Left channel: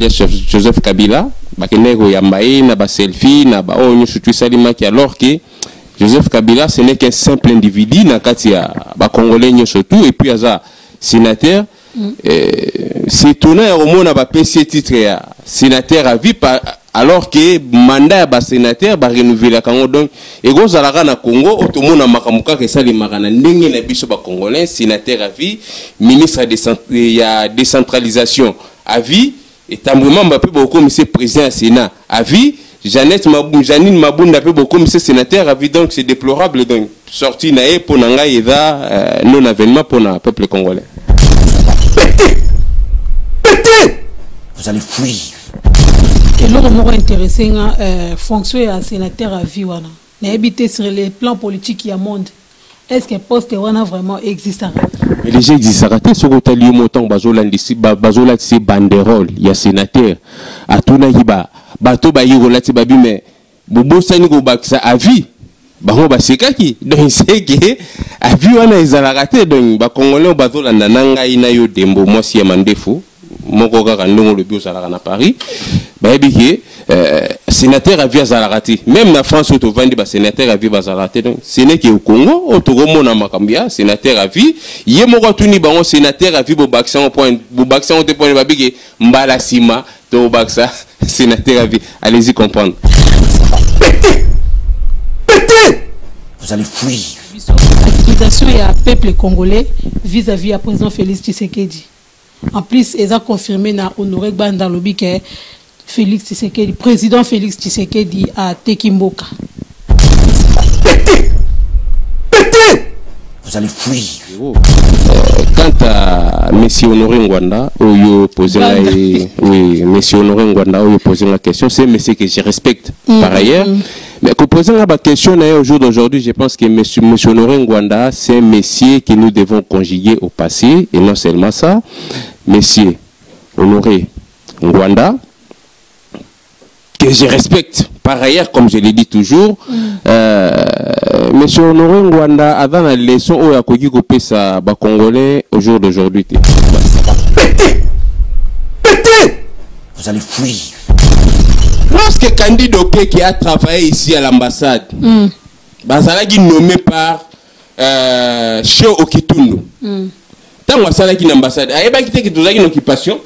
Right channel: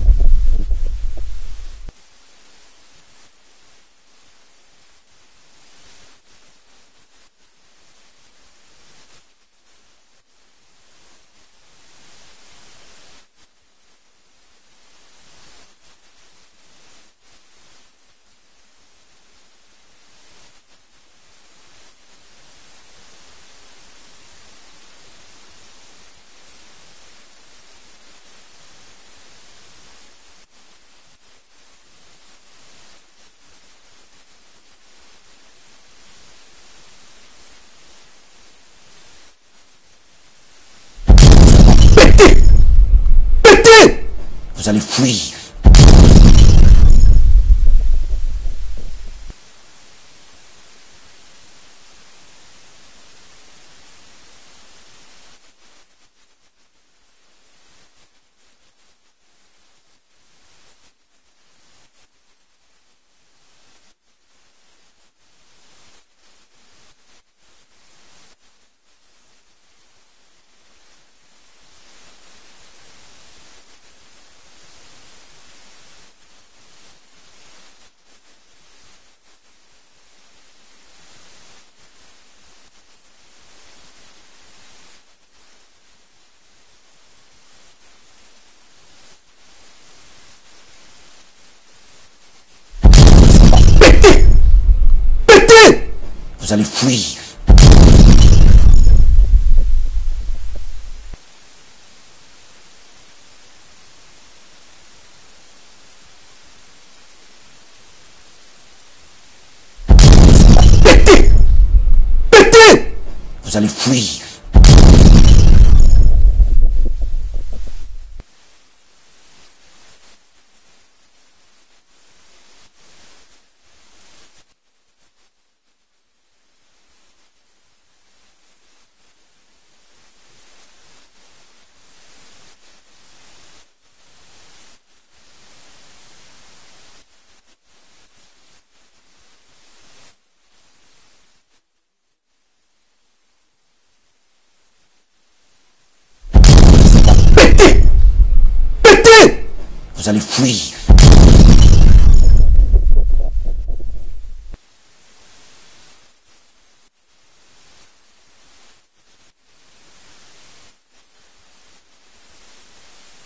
alias Joseph Kabila bakenego yambaye na ba selfie na ba onyo chutu salimaki alors que Joseph Kabila ce n'est qu'un simple individu na kati ya ba congolais surtout et puis aza sénateur c'est étonnant au monde ba PC titre ya sénateur à vie alors que mandat ba sénateur ba renouveler kango donc et gozalaka na Congo otomona makamuka ke sali makana ndenge na biso ba congolais sénateur à vie ministre de décentralisation à vie et tamblement Mbappé beaucoup monsieur président du Sénat à vie Janine Mabunda peut beaucoup monsieur sénateur à vie donc c'est déplorable donc sorti naé pour nanga eda non avènement pour le peuple congolais. Pété vous allez fuir. Et nous sommes intéressés à fonctionner à sénateur à vie wana na habité sur les plans politiques il y a monde. Est-ce que poste wana vraiment existe? Mais les gens existent raté ce que tu as lu montant bazola c'est banderole il y a sénateur à tout naïba bateau ba yirola ti babi mais bobo sani go baksa à vie bango ba sekaki donc c'est que à vie wana ezala raté donc ba congolais bazola nananga ina yo dembo moi si mandefo moko kaka ndongo le bio sala na Paris ba ebiki sénateur à vie azala raté même na France auto vandi ba sénateur à vie bazala raté donc ce n'est que au Congo auto mona makambia sénateur à vie yé moko tuni bango sénateur à vie bo baksa au point bo baksa au point ba biki mbala sima to baksa sénateur à vie allez-y comprendre. Pété vous allez fuir. L'organisation et à peuple congolais vis-à-vis à président Félix Tshisekedi. En plus, ils ont confirmé na honoré dans le lobby que Félix Tshisekedi, président Félix Tshisekedi à Tekimboka. Pété pété vous allez fuir. Quant à M. Honoré Ngwanda, où posé la question, c'est M. que je respecte par ailleurs. Mais que poser la question au jour d'aujourd'hui, je pense que M. Honoré Ngwanda, c'est un monsieur que nous devons conjuguer au passé, et non seulement ça. M. Honoré Ngwanda, que je respecte par ailleurs, comme je l'ai dit toujours, M. Honoré Ngwanda, avant la leçon où il y a Kopesa Congolais au jour d'aujourd'hui. Pété pété vous allez fuir. Lorsque Candido qui a travaillé ici à l'ambassade, Bazalaki nommé par Cheo Okitundu. Tant que Bazalaki l'ambassade, une occupation.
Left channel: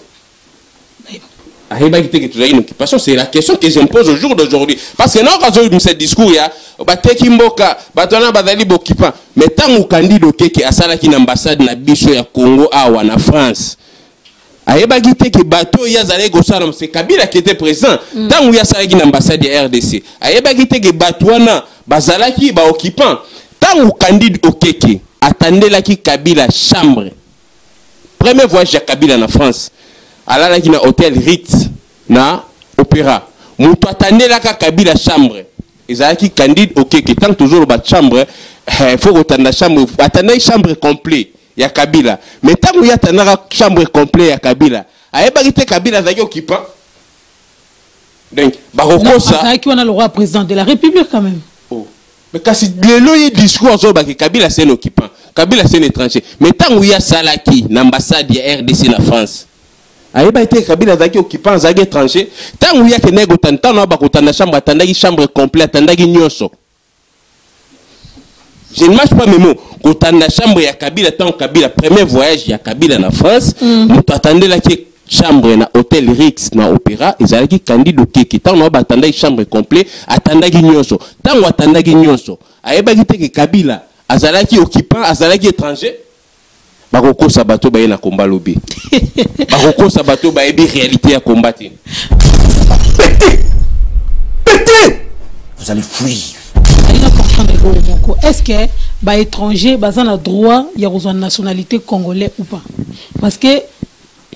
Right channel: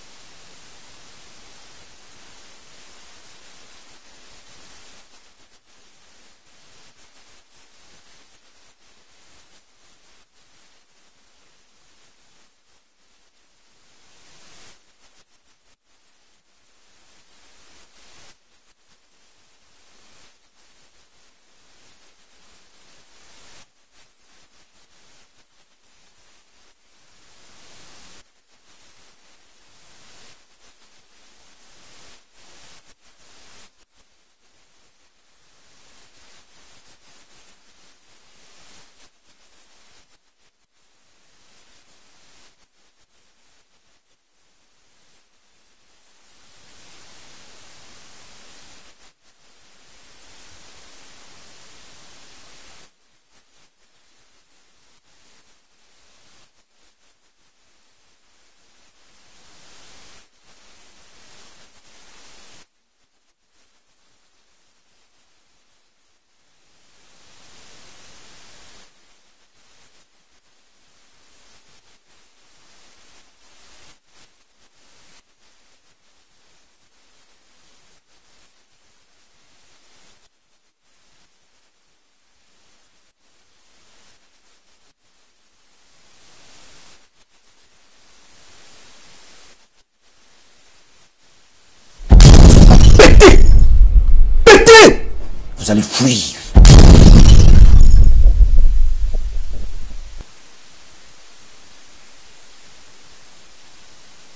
C'est la question que je me pose au jour d'aujourd'hui. Parce que non, quand je ce discours, il y a Batekimboka, Batona Bazali Bokipa. Mais tant que Candido qui a Salaki l'ambassade na biso ya Congo awa na France. Ayebagité que bateau yazale gosalam c'est Kabila qui était présent tant où yasalaki l'ambassade de RDC. Ayebagité que batouana bazalaki ba occupant tant où Candide Okeke attendait la ki Kabila chambre. Premier voyage de Kabila en France. Alala ki na hôtel Ritz na Opéra. Moutou attendait la Kabila chambre. Ezalaki Candide Okeke tant toujours ba chambre faut attendre chambre attendait chambre complète. Ya Kabila. Mais tant qu'il y a une chambre complète à Kabila, ayebagité Kabila zaki occupant. Donc, baroko ça. Qui on a le roi président de la République quand même. Oh. Mais quand le loyer discours sur Kabila c'est un occupant, Kabila c'est un étranger. Mais tant qu'il y a Salaki, l'ambassade de RDC en France, ayebagité Kabila zaki occupant zaki étranger. Tant qu'il y a que nego tantan na bakotana chambre atandaki chambre complète atandaki nyoso. Je ne marche pas mes mots. Quand on a la chambre ya Kabila, tant Kabila, premier voyage ya Kabila en France, nous attendons la chambre na hôtel Rix na Opéra, ils allaient Candide Okeke. Tant on attendait chambre complète, attendait Nyonso. Tant on attendait Nyonso, ayebagité que Kabila, azalaki occupant, azalaki étranger. Baroko sabato baye na combat lobby. Baroko sabato baye bi réalité à combattre. Pété pété vous allez fuir. Est-ce que les étrangers ont le droit de nationalité congolaise ou pas? Parce que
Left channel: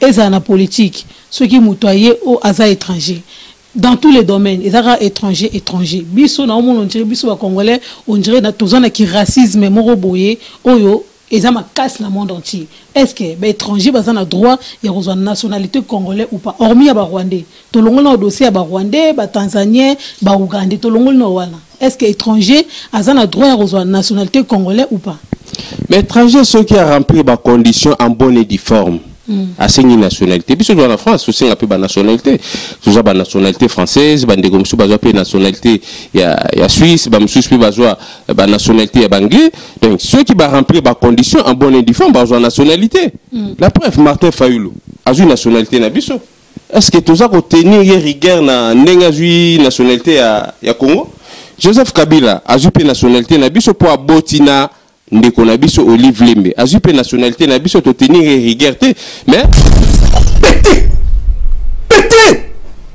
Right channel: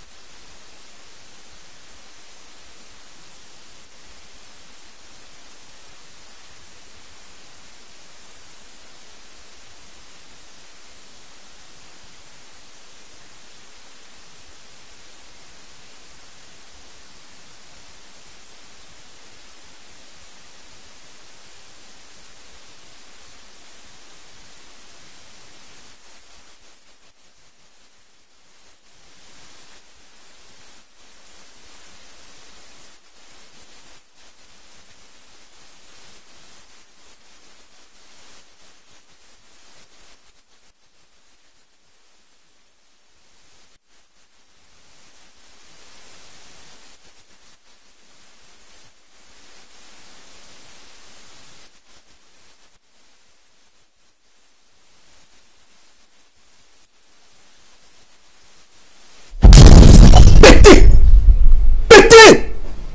ils ont la politique, ceux qui moutoyent aux étrangers. Dans tous les domaines, ils sont étrangers. Biso na on dirait biso congolais, on dirait na tous qui racisme moroboye, oyo ils ont ma casse le monde entier. Est-ce que les étrangers ont le droit de nationalité congolaise ou pas? Hormis les Rwandais, tout le monde a dossier à Rwandais, Tanzaniens, Ougandais, tout le monde a. Est-ce que les étrangers ont le droit de nationalité congolaise ou pas? Mais étrangers ceux qui ont rempli les conditions en bonne et due forme. asengi nationalité biso dans la France aussi un peu ba nationalité toujours ba nationalité française ba ndeko musu bazwa pe nationalité ya Suisse ba musu pe bazwa ba nationalité ya anglais donc ceux qui ba remplir ba condition en bonne et due forme bazwa nationalité la preuve Martin Fayulu azui nationalité na biso est-ce que toza ko tenir rigueur na ndenga zui nationalité ya Congo Joseph Kabila azui pe nationalité na biso po abotina ndeko na biso Olive Lembe azui pe nationalité na biso to tenir rigueur te mais pétez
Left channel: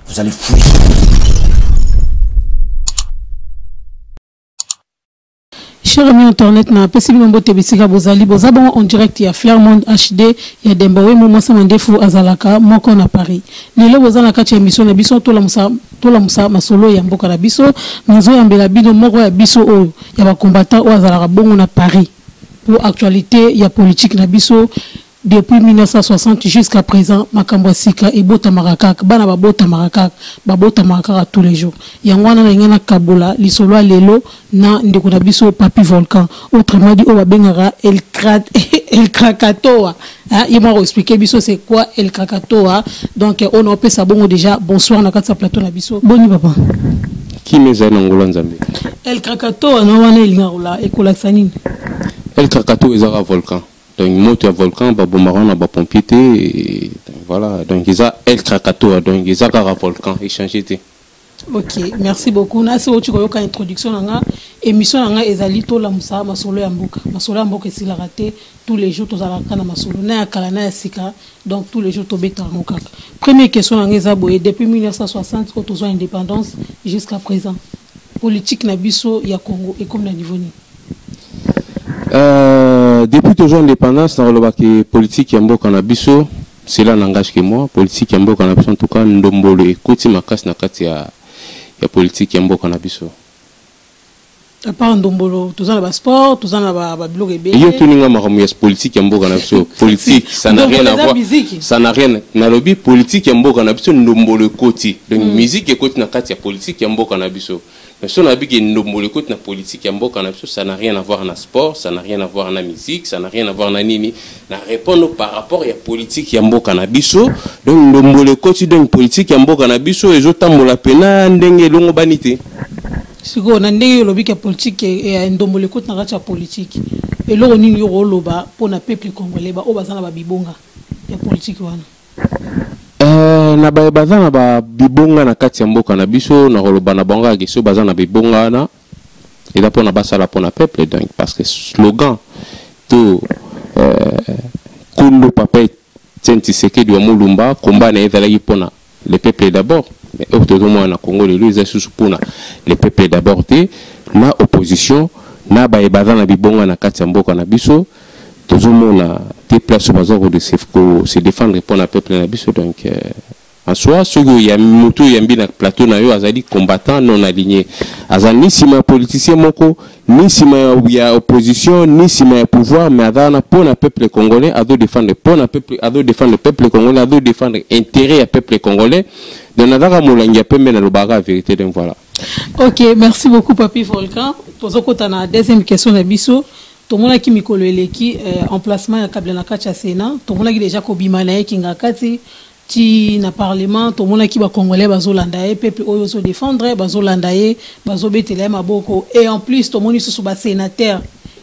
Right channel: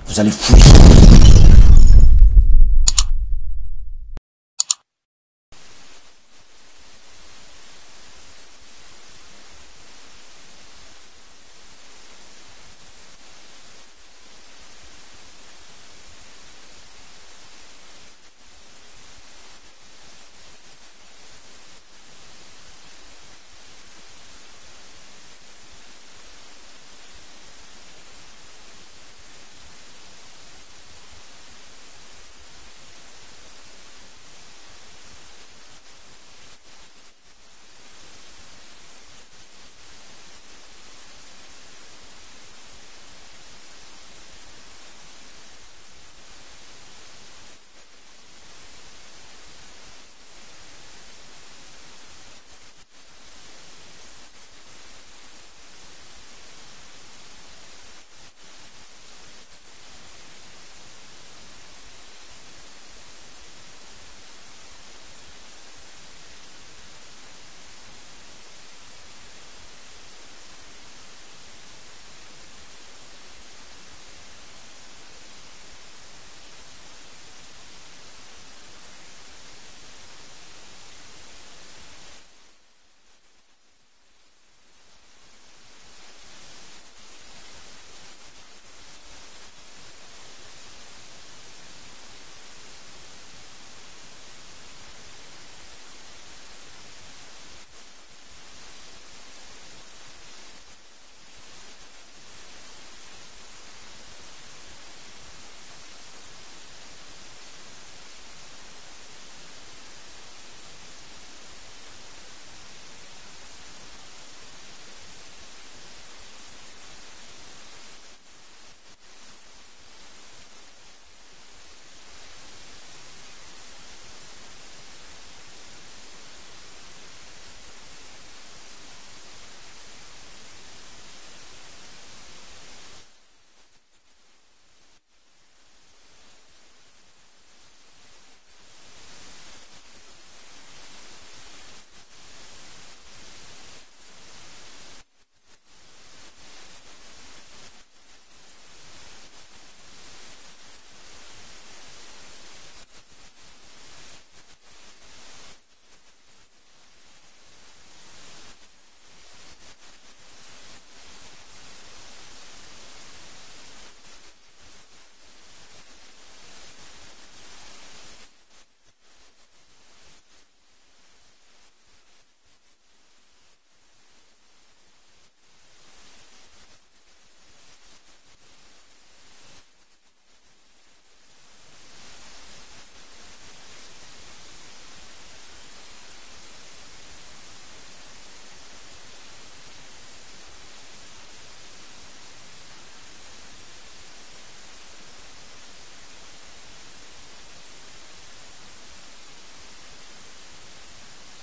vous allez fuir. Cher ami internet na pesi bino mbote bisika bozali bozabon en direct ya Flairmont HD ya Dembawe mo masa mandefu azalaka moko na Paris lelo bozana kati ya émission na biso tola musa masolo ya mboka na biso nazo yambela bino moko ya biso oyo ya ba combattant o azalaka bongo na Paris pour actualité ya politique na biso depuis 1960 jusqu'à présent makambo sika et bota marakak bana ba bota marakak tous les jours yangwana na ngana kabola lisolo lelo na ndeko na biso Papi Volcan autrement dit o ba bengara el Krakatoa il m'a expliqué biso c'est quoi el Krakatoa donc on a ça bon déjà bonsoir na katsa plateau na biso boni papa qui meza na ngolo nzambe el Krakatoa na wana elingarola ekola sanini el Krakatoa ezara volcan donc moto ya volcan ba bombarana ba pompier voilà donc ils a el Krakatoa donc ils a gara volcan échanger té. Ok, merci beaucoup. Na c'est tu koyoka introduction nanga émission nanga ezali to la musa masolo ya mboka. Masolo ya mboka esila raté tous les jours tozala kana masolo na ya kala na ya sika donc tous les jours to beta mokaka. Première question nanga ezaboye depuis 1960 au tozo indépendance jusqu'à présent. Politique na biso ya Congo et comme na niveau ni. Depuis toujours indépendance dans le politique ya mboka na biso cela n'engage que moi politique ya mboka na biso en tout cas ndombolo ekoti makasi na kati ya politique ya mboka na biso. À part ndombolo tozana ba sport tozana ba blog ebe yo tuninga makamu ya politique ya mboka na biso politique ça n'a rien à voir ça n'a rien na lobby politique ya mboka na biso ndombolo ekoti donc musique ekoti na kati ya politique ya mboka na biso. Si on a vu que nous écoute la politique ça n'a rien à voir dans le sport, ça n'a rien à voir dans la musique, ça n'a rien à voir dans nini. Na répondre par rapport à la politique yambo canabiso, donc nous écoute donc politique yambo canabiso et autres mola pena ndenge longo banité. Si on a ndenge lobby que politique et ndombo écoute na racha politique et là on y yoro loba pour na peuple congolais ba obazana ba bibonga ya politique wana. Na baza na ba bibonga na kati ya mboka na biso na koloba na bango ageso baza na bibonga na eza pona basala pona peuple donc parce que slogan to Kondo Papa Tshisekedi wa Mulumba combat na ezalaki pona le peuple d'abord mais autour na Congo lelo eza susu pona le peuple d'abord te na opposition na baza na bibonga na kati ya mboka na biso tozomona te place bazoko de se défendre pour le peuple na biso donc en soi ceux qui ya moto yambi na plateau na yo azali combattant non aligné azali sima politicien moko ni sima ya opposition ni sima ya pouvoir mais azana pour le peuple congolais à défendre pour le peuple à défendre le peuple congolais à défendre intérêt à peuple congolais donc nazaka molangi pembe na lobaka vérité donc voilà. OK, merci beaucoup Papi Volcan. Tozokota na deuxième question na biso. Tout le monde qui mikolo eleki emplacement ya kabla na kati ya Sénat, tout le monde qui déjà kobima na kinga kati ti na parlement, tout le monde qui ba congolais bazolanda e peuple oyo so défendre bazolanda e bazobetela maboko et en plus tout le monde sous ba sénateur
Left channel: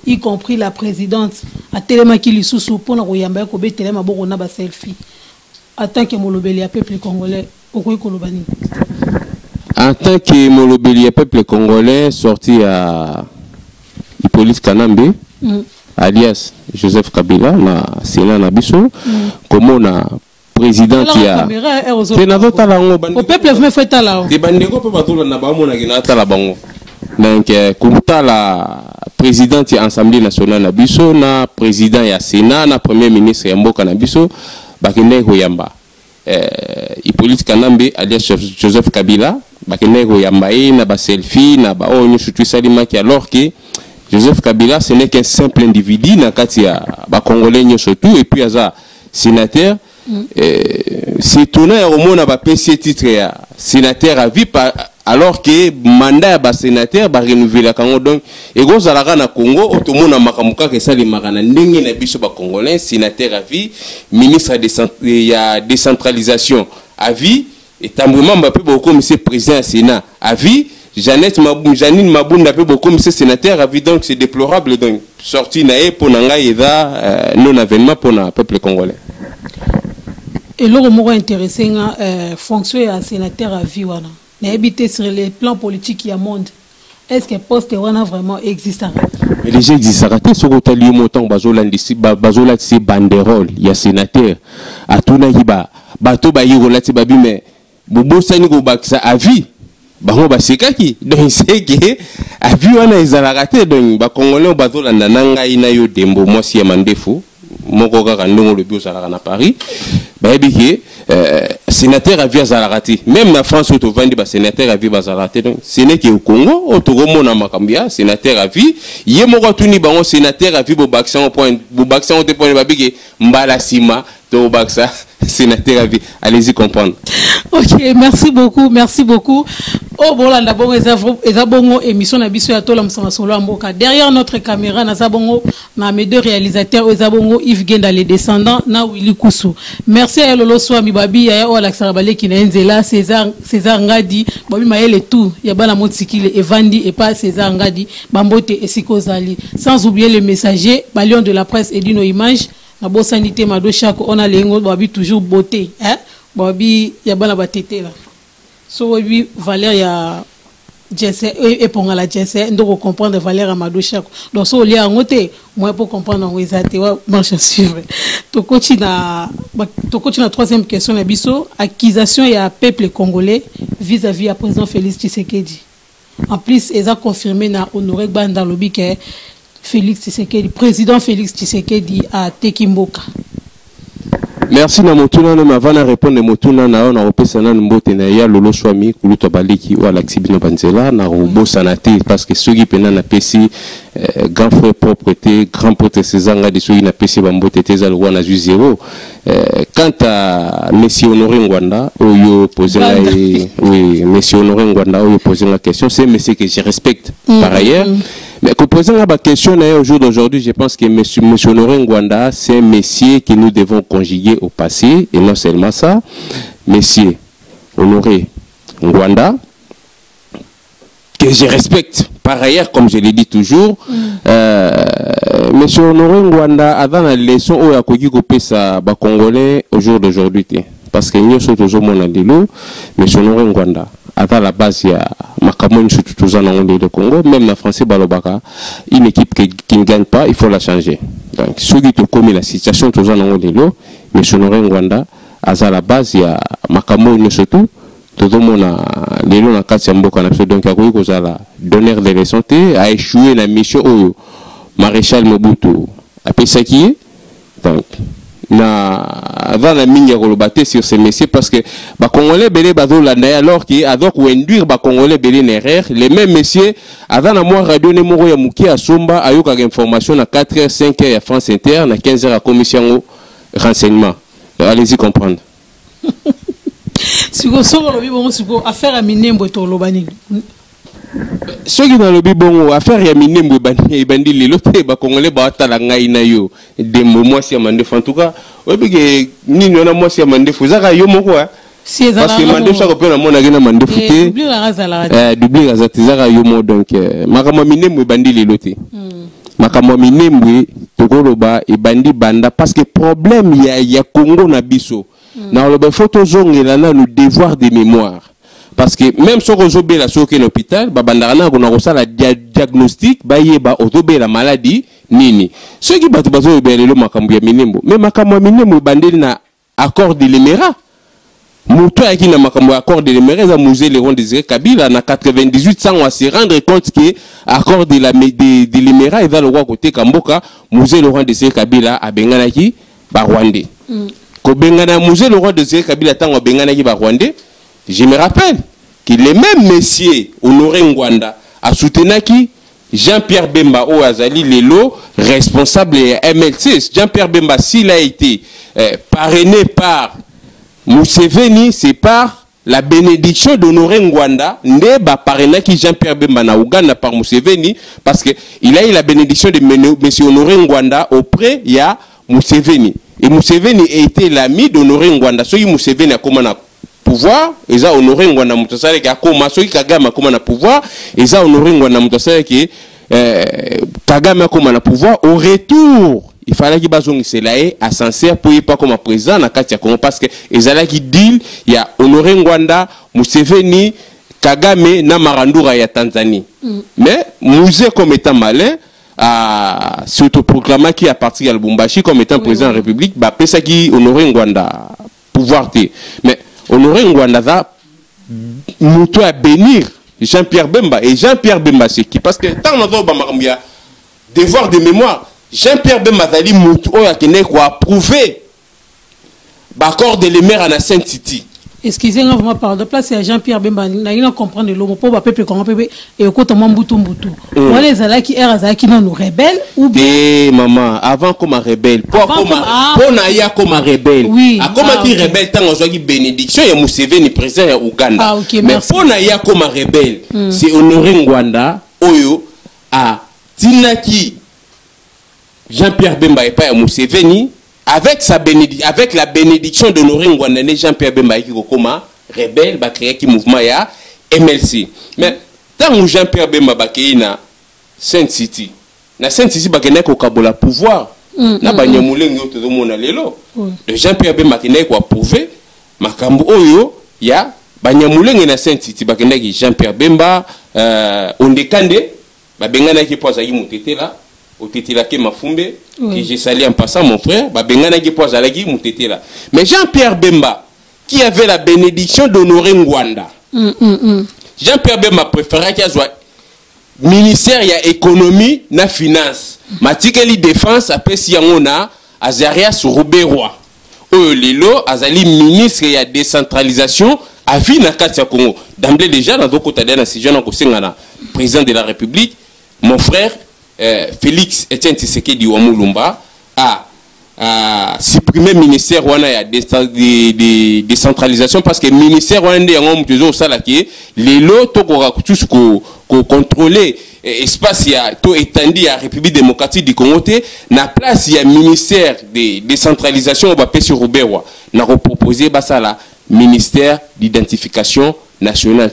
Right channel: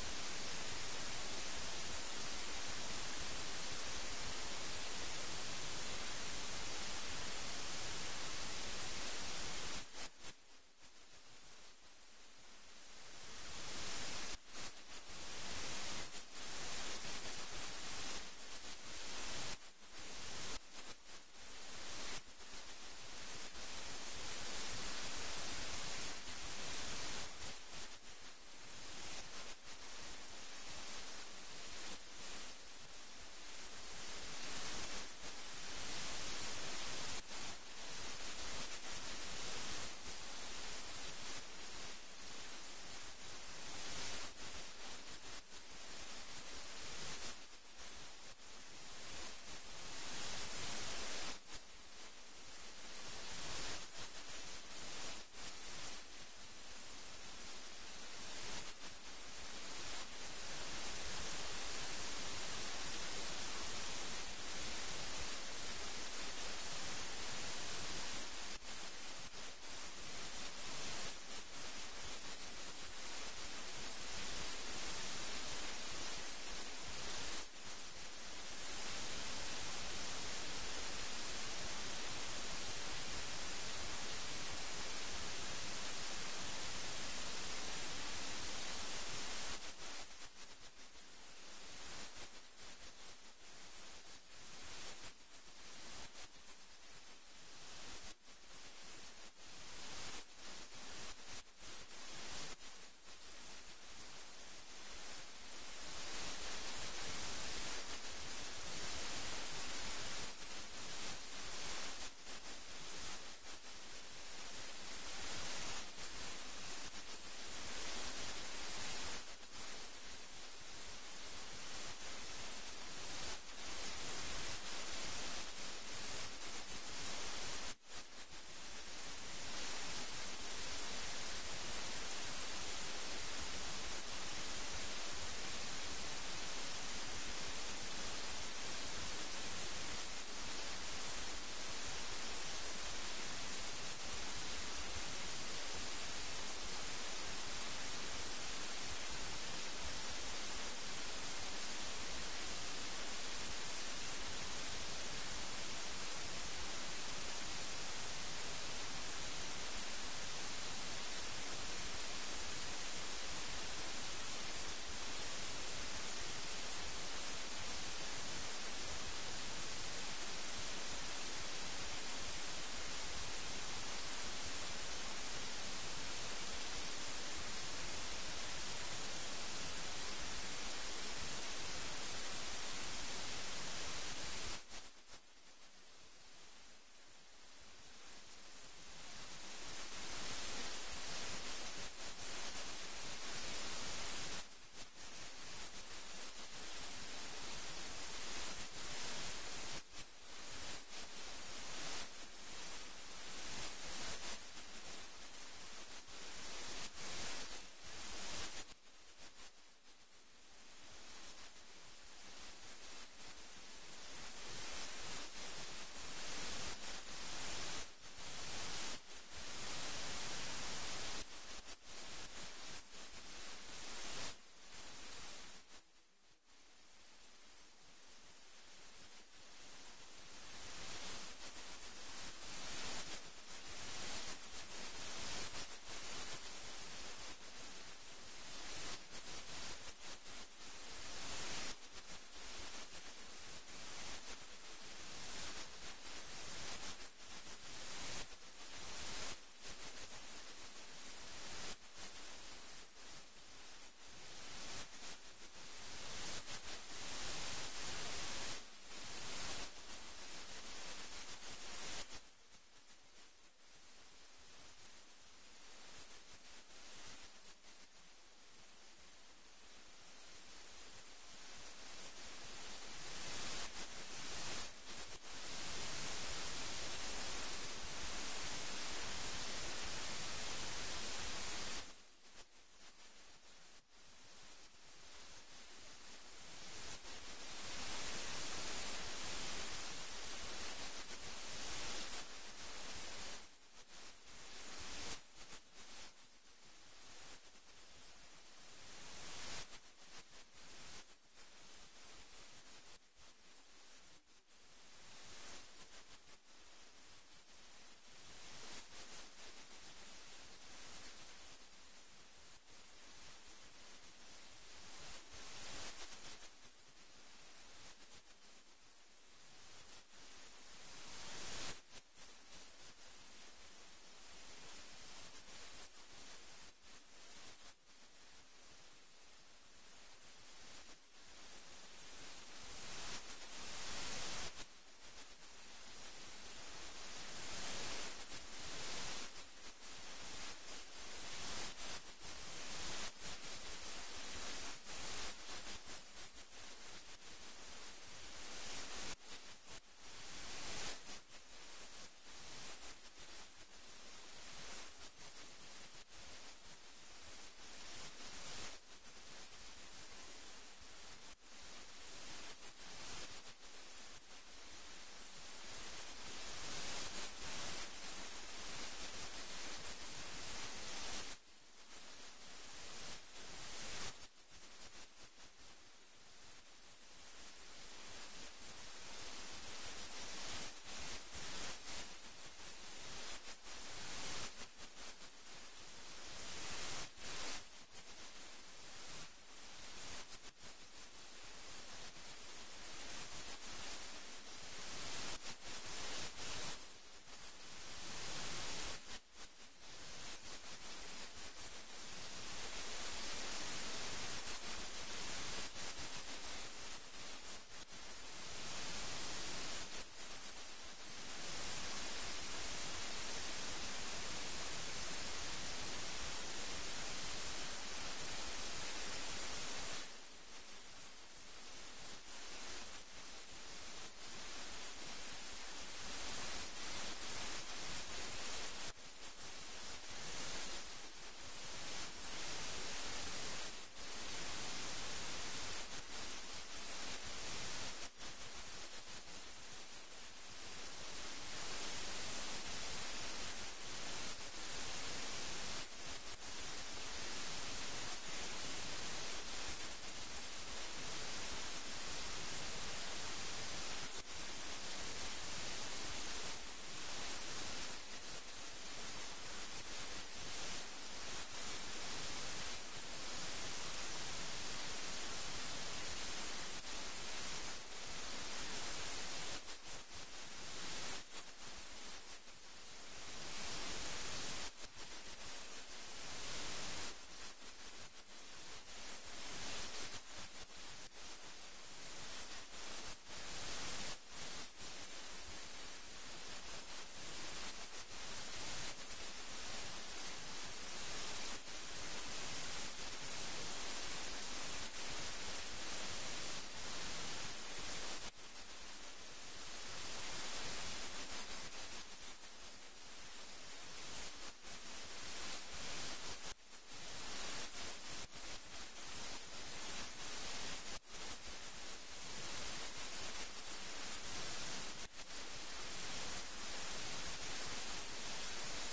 y compris la présidente a telema ki lisusu pona koyamba ko betela maboko na ba selfie. En tant que molobeli ya peuple congolais, okoyi kolobani. En tant que molobeli ya peuple congolais sorti à Hippolyte Kanambe alias Joseph Kabila na Sénat na biso comme na président ya sénateur talango au peuple me fait tala de bandeko pe batola na ba mona gina tala bango donc kumta la président ya Assemblée nationale na biso na président ya Sénat na premier ministre ya mboka na biso bakende koyamba Hippolyte Kanambe alias Joseph Kabila bakende koyamba na ba selfie na ba onyo surtout salima ki alors que Joseph Kabila, ce n'est qu'un simple individu, na Congolais surtout, et puis aza sénateur. C'est étonnant au monde n'a pas payé ce titre sénateur à vie alors que mandat ya sénateur ba renouveler kango donc et go zalaka na Congo otomona makamuka ke sali makana ndenge na biso ba congolais sénateur à vie ministre de décentralisation à vie et tambouement Mbappé beaucoup monsieur président Sénat à vie Janine Mabunda peut beaucoup monsieur sénateur à vie donc c'est déplorable donc sorti naé pour nanga eda non avènement pour le peuple congolais. Et l'autre mot intéressant fonction à sénateur à vie wana na habité sur les plans politiques il y a monde. Est-ce que poste wana vraiment existe? Mais les gens existent raté ce que tu as montant bazola c'est banderole il y a sénateur à tout naïba bateau ba yirola ti babi mais bobo sani go baksa à vie bango basekaki donc c'est que à vie wana ezala raté donc ba congolais bazola nanga ina yo dembo moi si mandefo moko kaka ndongo le bio sala na Paris ba ebiki sénateur à vie ezala raté même na France auto vandi ba sénateur à vie bazala raté donc ce n'est que au Congo autogo mona makambia sénateur à vie ye moko tuni bango sénateur à vie bo baksa au point bo baksa au point ba biki mbala sima to baksa sénateur à vie. Allez-y comprendre. Ok, merci beaucoup, merci beaucoup. Oh bon là d'abord ezabongo émission na biso ya tola msama solo amboka. Derrière notre caméra na zabongo na mes deux réalisateurs ezabongo Yves Genda les descendants na Willy Kousou. Merci à Lolo Swami Babi ya o Alex Rabale qui na Nzela César Ngadi Babi Maël tout ya bana motikile Evandi et pas César Ngadi Bambote et Sikozali. Sans oublier le messager Balion de la presse et d'une image. La bonne sanité, on a les babi toujours beauté, hein? Babi, y a pas la batete là. So oui, Valère y a Jesse et pour la Jesse, donc comprendre Valère Amadou Chako. Donc so lié à noter, moi pour comprendre où ils étaient, marche suivre. Tu continues la troisième question la biso, accusation y a peuple congolais vis-à-vis à président Félix Tshisekedi. En plus, ils ont confirmé na Honoré Banda Lobi que Félix Tshisekedi, président Félix Tshisekedi à Tekimboka. Merci na motuna na mavana répondre motuna na on a repesa na mbote na ya Lolo Swami kuluto baliki ou Alexibino Banzela na robo sanate parce que ceux qui pena na pesi grand frère propreté grand pote Césanga de ceux na pesi bambote teza le wana ju zéro quant à monsieur Honoré Ngwanda oyo poser oui monsieur Honoré Ngwanda oyo poser la question c'est monsieur que je respecte par ailleurs. Mais pour poser la question au jour d'aujourd'hui, je pense que monsieur Honoré Ngwanda, c'est un monsieur que nous devons conjuguer au passé, et non seulement ça. Monsieur Honoré Ngwanda, que je respecte par ailleurs, comme je l'ai dit toujours, monsieur Honoré Ngwanda, avant la leçon où il y a Pesa Congolais au jour d'aujourd'hui, parce que nous sommes toujours mon andilo, monsieur Honoré Ngwanda. À la base, il y a Makamon de Congo, même en français, Balobaka, une équipe qui ne gagne pas, il faut la changer. Donc, ceux qui ont commis la situation, tous en ont de l'eau, mais sur Ngwanda, à la base, il y a Makamon surtout, tout le monde a les lots dans 4 Mboka, donc il y a la donneur de la santé, a échoué la mission au maréchal Mobutu, à Pesaki. Donc, avant la mine de sur ces messieurs parce que les Congolais belé alors qu'ils adorent ou induire les Congolais belé erreur les mêmes messieurs avant la mois radio numéro ya muki à Somba a eu quelques informations à 4h 5h à France Inter à 15h à commission au renseignement. Allez-y comprendre. Si vous avez affaire à Minembo et Tolobani. Ceux qui ont le bon affaire ya Minembo et bandi les lotés ba Congolais ba talanga ina yo des moments si amandef en tout cas obi ni nona moi si amandef zaka yo moko parce que mandef ça ko na mona gina mandef té double razati zaka yo mo donc makama Minembo bandi les lotés makama Minembo tokoloba e bandi banda parce que problème ya Congo na biso na le photo zongela na le devoir de mémoire. Parce que même si on a la soke l'hôpital, babandarana on a reçu la diagnostic, ba otobe la maladie nini. Ceux qui battent bazo le makambu ya Minembo, mais makambu Minembo bandeli na accord de l'Émirat. Mouto qui na makambu accord de l'Émirat, ça musée Léon Désiré Kabila na 98 sans on se rendre compte que accord de l'Émirat il va le roi côté Kamboka, musée Laurent Désiré Kabila a benganaki ba Rwandais. Ko bengana musée Laurent Désiré Kabila tango benganaki ba Rwandais. Je me rappelle que les mêmes messieurs Honoré Ngwanda a soutenu Jean-Pierre Bemba au Azali Lelo, responsable MLC. Jean-Pierre Bemba, s'il a été parrainé par Museveni, c'est par la bénédiction d'Honoré Ngwanda ne ba parrainaki qui Jean-Pierre Bemba na Ouganda par Museveni parce que il a eu la bénédiction de monsieur Honoré Ngwanda auprès il y a Museveni et Museveni était l'ami d'Honoré Ngwanda. Soki Museveni a comment na pouvoir ils a Honoré Ngwanda mutosale ki akoma soki Kagame a comment na pouvoir ils a Honoré Ngwanda mutosale ki Kagame a comment na pouvoir au retour. Il fallait qu'il y ait un sincère pour y pas comme président dans Katia Congo parce que ils allaient qui deal il y a Honoré Ngwanda, Museveni, Kagame na Marandura ya Tanzanie. Mais musée comme étant malin à s'autoproclamer qui a parti à Lubumbashi comme étant président de la République, bah ça qui Honoré Ngwanda pouvoir te. Mais Honoré Ngwanda va muto à bénir Jean-Pierre Bemba et Jean-Pierre Bemba c'est qui parce que tant on a devoir de mémoire Jean-Pierre Bemba Zali Moutou a approuvé l'accord de les maires à la Sainte-City. Excusez-moi, vraiment par de place, c'est Jean-Pierre Bemba. Il a compris le mot pour peuple comment peuple et au côté Mamboutou Mboutou. Voilà les Zala qui errent Zala qui nous rebelles ou bien. Maman, avant comme un rebelle. Pour Naya comme un rebelle. Oui. À comment qui rebelle tant on bénédiction et Museveni président au Ouganda. Ah ok, mais merci. Pour Naya comme un rebelle, c'est Honoré Ngwanda Oyo à Tinaki. Jean-Pierre Bemba et pas Museveni avec la bénédiction d'Honoré Ngwanda Jean-Pierre Bemba qui comment rebelle va créer qui mouvement ya MLC. Mais tant que Jean-Pierre Bemba va créer na Sainte-City va créer ko kabola pouvoir na banyamulengi oto mona lelo de Jean-Pierre Bemba qui n'est ko approuver makambo oyo ya banyamulengi na Sainte-City va créer Jean-Pierre Bemba ondekande ba bengana ki poza yi mutete là au Tétilake Mafumbe, que j'ai sali en passant mon frère, mais Jean-Pierre Bemba, qui avait la bénédiction d'Honoré Ngwanda, Jean-Pierre Bemba préférait qu'il soit ministère de l'économie et de la finance. Matikeli défense, après si on a Azaria Sourouberoi. Lilo, Azali ministre de la décentralisation, a vu na Katia Congo. D'emblée déjà, dans d'autres côtés, dans ces jeunes, président de la République, mon frère, Félix Etienne Tshisekedi Wamulumba a supprimé le ministère de décentralisation parce que le ministère de les lots tous contrôler espace étendu à la République démocratique du Congo na place il y a ministère de décentralisation sur Rouberwa n'a proposé la ministère d'identification nationale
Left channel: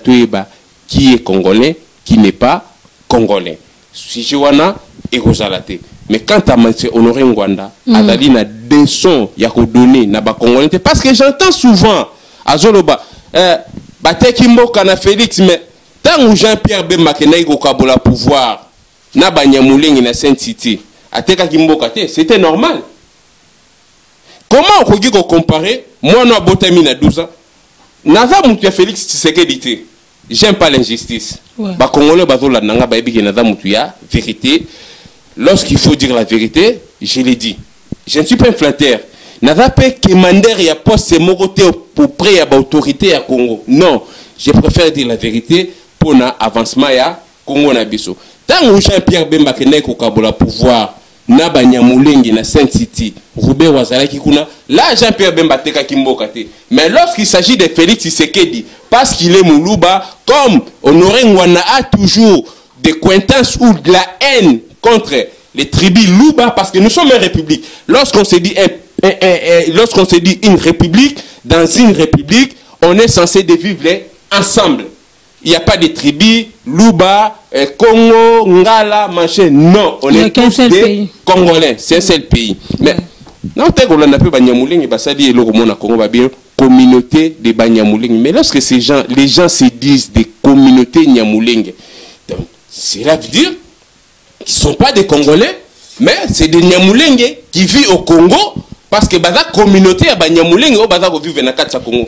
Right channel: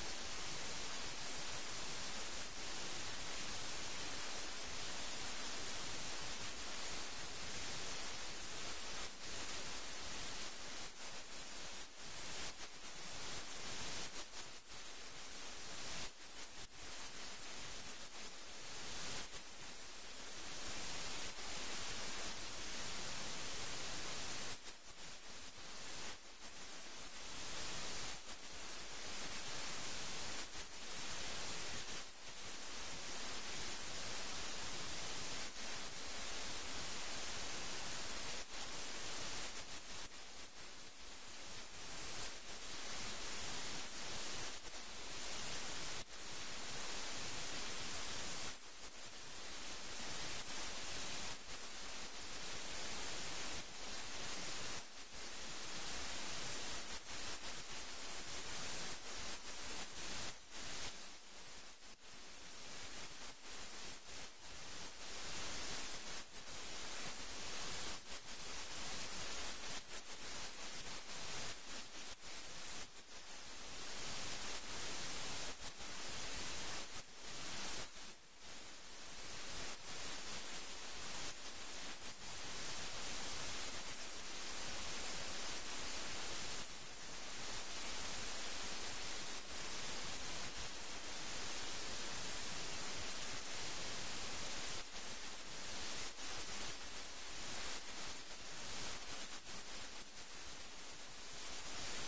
qui est congolais qui n'est pas congolais. Si je wana et Rosalate. Mais quand tu as Honoré Ngwanda, Adali na des sons ya ko donner na ba congolais parce que j'entends souvent à Zoloba bateki mboka na Félix mais tant Jean-Pierre Bemba kenai ko kabola pouvoir na banyamulengi na Sainte-City ateka kimboka te c'était normal. Comment on peut comparer moi na botami na 12 ans naza mutu Félix Tshisekedi. J'aime pas l'injustice. Bah Congolais bazola nanga ba ebi kenada mutu ya vérité. Lorsqu'il faut dire la vérité, je l'ai dit. Je ne suis pas un flatteur. Nada pas commander ya poste mokoté pour près ya ba autorité ya Congo. Non, je préfère dire la vérité pour na avancement ya Congo na biso. Tant Jean-Pierre Bemba kenai ko kabola pouvoir na banyamulengi na Sainte-City Roubert Wazalaki kuna là Jean-Pierre Bemba teka kimboka te mais lorsqu'il s'agit de Félix Tshisekedi parce qu'il est Moulouba comme Honoré Ngwanda a toujours des cointances ou de la haine contre les tribus Louba parce que nous sommes une république lorsqu'on se dit une république dans une république on est censé de vivre ensemble. Il n'y a pas de tribus, Louba, Congo, Ngala, machin. Non, on est tous des Congolais. C'est un seul pays. Mais, non, on a appelé Banyamouling et Bassadi et Loromona Congo, communauté de Banyamouling. Mais lorsque ces gens, les gens se disent des communautés Nyamouling, cela veut dire qu'ils ne sont pas des Congolais, mais c'est des Nyamouling qui vivent au Congo. Parce que la communauté a Banyamouling au Baza vivre na Katia Congo.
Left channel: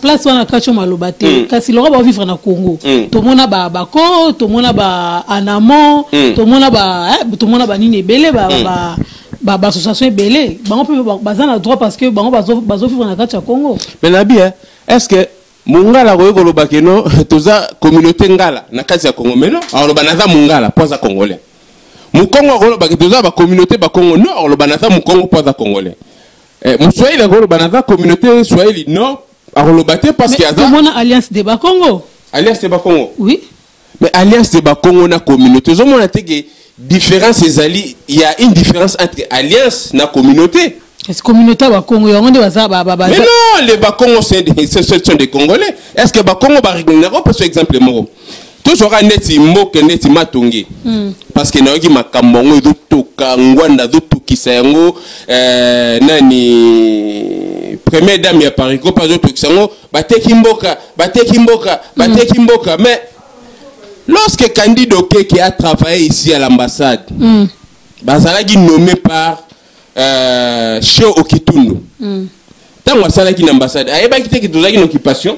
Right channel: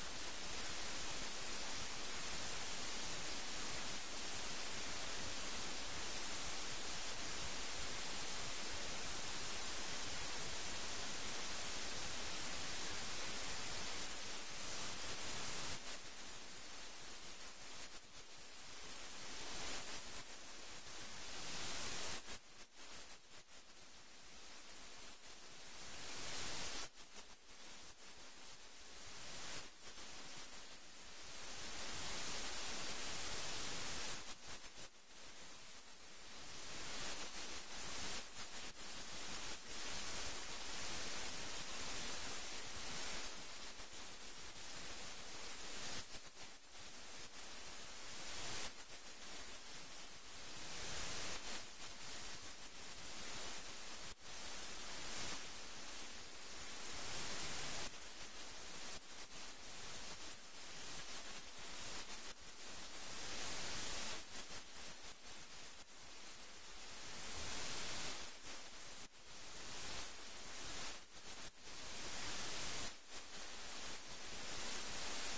Place wana kacho malobate. Kasi lora ba vivre na Congo. To mona ba bako, to mona ba anamo, to mona ba nini belé ba association belé. Bango pe baza na droit parce que bango bazo vivre na Katia Congo. Mais nabi est-ce que Mungala ko yokoloba keno toza communauté ngala na Katia Congo mais non. Alors banaza Mungala poza congolais. Mukongo golo bakitoza ba communauté ba Congo non le banata mukongo poza congolais. Muswahili golo banata communauté swahili non arolobaté parce qu'il y a ça mon alliance de Bakongo. Alliance de Bakongo. Oui. Mais alliance de Bakongo na communauté. Zo mona te que différence ezali, il y a une différence entre alliance na communauté. Est-ce communauté Bakongo ya onde baza Mais non, les Bakongo ce sont des Congolais. Est-ce que Bakongo ba regnero par exemple moko? Toujours neti mboke neti matongi. Parce que naoki makambongo do toka ngwanda do tukisa yango nani première dame ya Paris ko pas do tukisa yango bateki mboka mais lorsque Candido Okeke a travaillé ici à l'ambassade, bazalaki nommé par Cheo Okitundu. Tant que ça qui l'ambassade, ayeba kité que tozaki une occupation.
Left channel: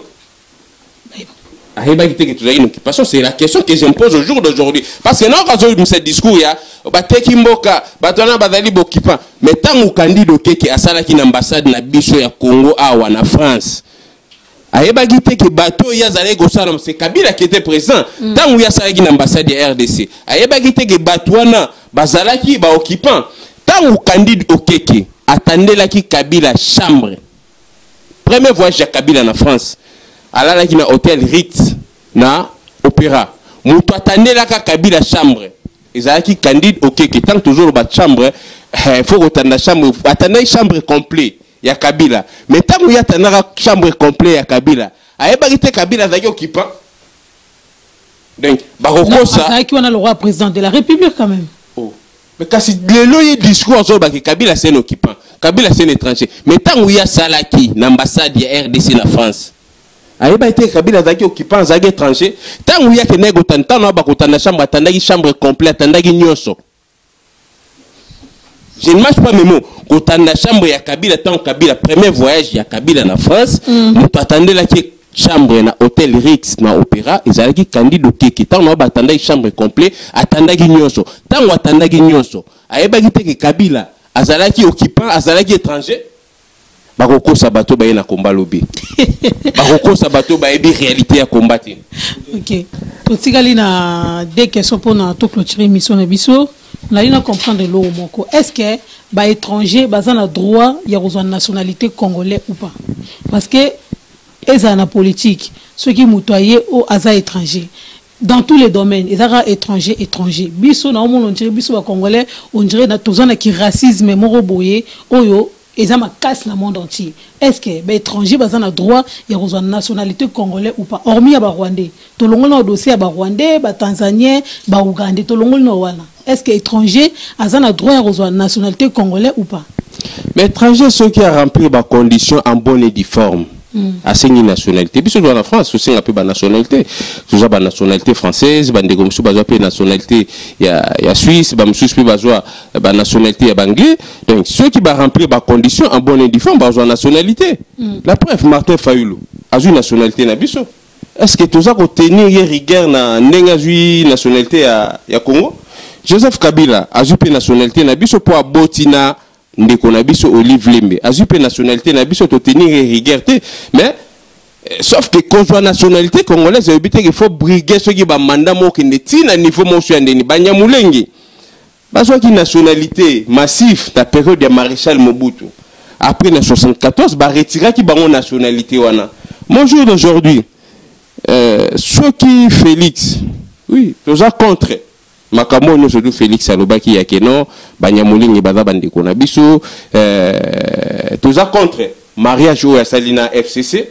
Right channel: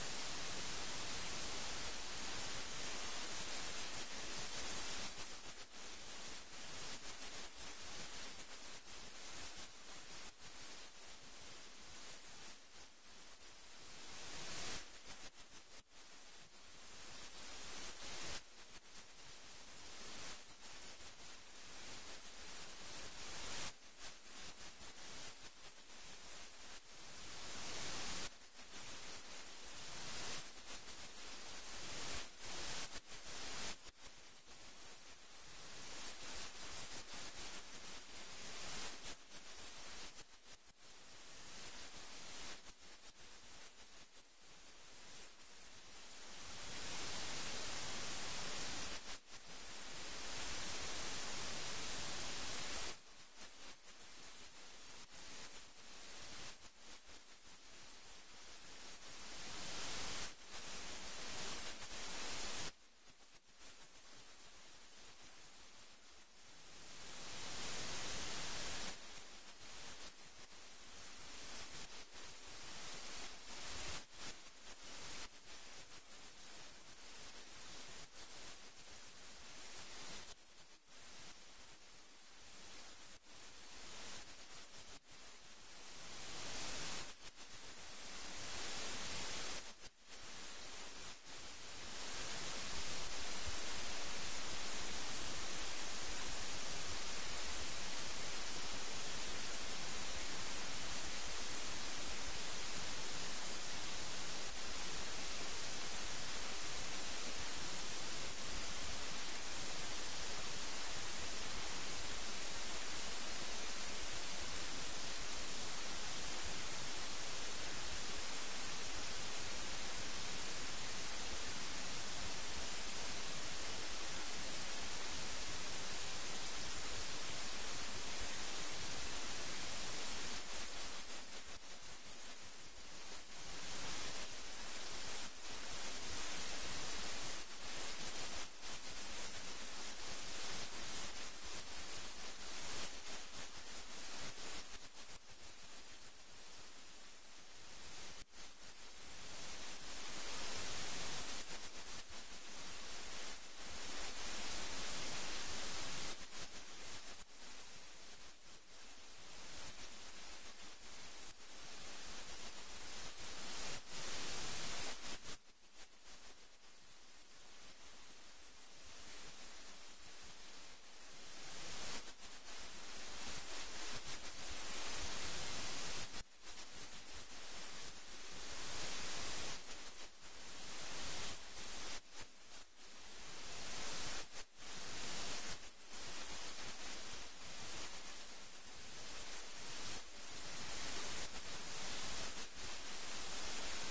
Ayeba kité que tozaki une occupation, c'est la question que je me pose au jour d'aujourd'hui. Parce que non quand on ce discours ya, bateki mboka, batona bazali bokipa, mais tant que Candido Okeke asala ki l'ambassade na biso ya Congo awa na France. Ayeba kité que bateau ya zalé gosala c'est Kabila qui était présent. Tant que ya sala ki l'ambassade ya RDC. Ayeba kité que batouana bazalaki ba occupant. Tant que Candido Okeke attendait la ki Kabila chambre. Premier voyage à Kabila en France. Alors là qui na hôtel Ritz na opéra. Moutou attendait la Kabila chambre. Ils ont qui Candido Okeke tant toujours ba chambre, faut attendre chambre, attendre chambre complète ya Kabila. Mais tant que y attendre chambre complète ya Kabila, aye bagité Kabila zaki occupant. Donc baroko ça. Ça qui on a le roi président de la République quand même. Mais quand le loyer discours sur Kabila c'est un occupant, Kabila c'est un étranger. Mais tant qu'il y a Salaki, l'ambassade de RDC en France, Aïba été Kabila zaki occupant, zaki étranger. Tant qu'il y a que négo tant na bakotana chambre, tandaki chambre complète, tandaki nyonso. Je ne marche pas mes mots. Quand on a chambre ya Kabila, tant Kabila premier voyage ya Kabila en France, on attendait la qui chambre na hôtel Rix na opéra ezalaki Candido Okeke tant na batanda chambre complet atandaki nyonso tant atandaki nyonso ayebaki te ke Kabila azalaki occupant azalaki étranger bakoko sabato ba na komba lobi bakoko sabato ba ebi réalité ya combattre. OK to tigali na des questions pour na to clôturer mission na biso na ina comprendre lo moko est-ce que ba étranger bazana droit ya rejoindre nationalité congolais ou pas parce que et ça la politique ceux qui moutoyé au hasard étranger dans tous les domaines ils sont étrangers biso na on dirait biso ba congolais on dirait na tozana qui racisme moro boyé oyo ils ont ma casse le monde entier est-ce que ba étranger bazana droit ya rejoindre nationalité congolais ou pas hormis ba rwandais to longo na dossier ba rwandais ba tanzanien ba ougandais to longo na wana est-ce que étranger azana droit ya rejoindre nationalité congolais ou pas mais étranger ceux qui a rempli ba conditions en bonne et due forme à ces nationalités. Puis dans la France, c'est un peu la nationalité. Tout ça, la nationalité française, bande comme ça, la nationalité il y a Suisse, la nationalité anglais. Donc ceux qui vont remplir les conditions en bonne et due forme, la nationalité. La preuve, Martin Fayulu a une nationalité nabiso. Est-ce que tout ça qu'on tenir rigueur na nenga nationalité à Congo? Joseph Kabila a une nationalité nabiso pour abotina ndeko na biso Olive Lembe azupe nationalité na biso to tenir rigueur mais sauf que quand nationalité congolaise il faut briguer ceux qui ba mandat mo ki netina niveau mo sur ndeni banyamulenge bazwa ki nationalité massif la période de maréchal Mobutu après na 74 ba retira ki bango nationalité wana mon jour d'aujourd'hui ceux qui Félix oui tous à contre makambo no surtout Félix alobaki ya keno banyamulingi baza bandeko na biso toza contre mariage ou ya Salina FCC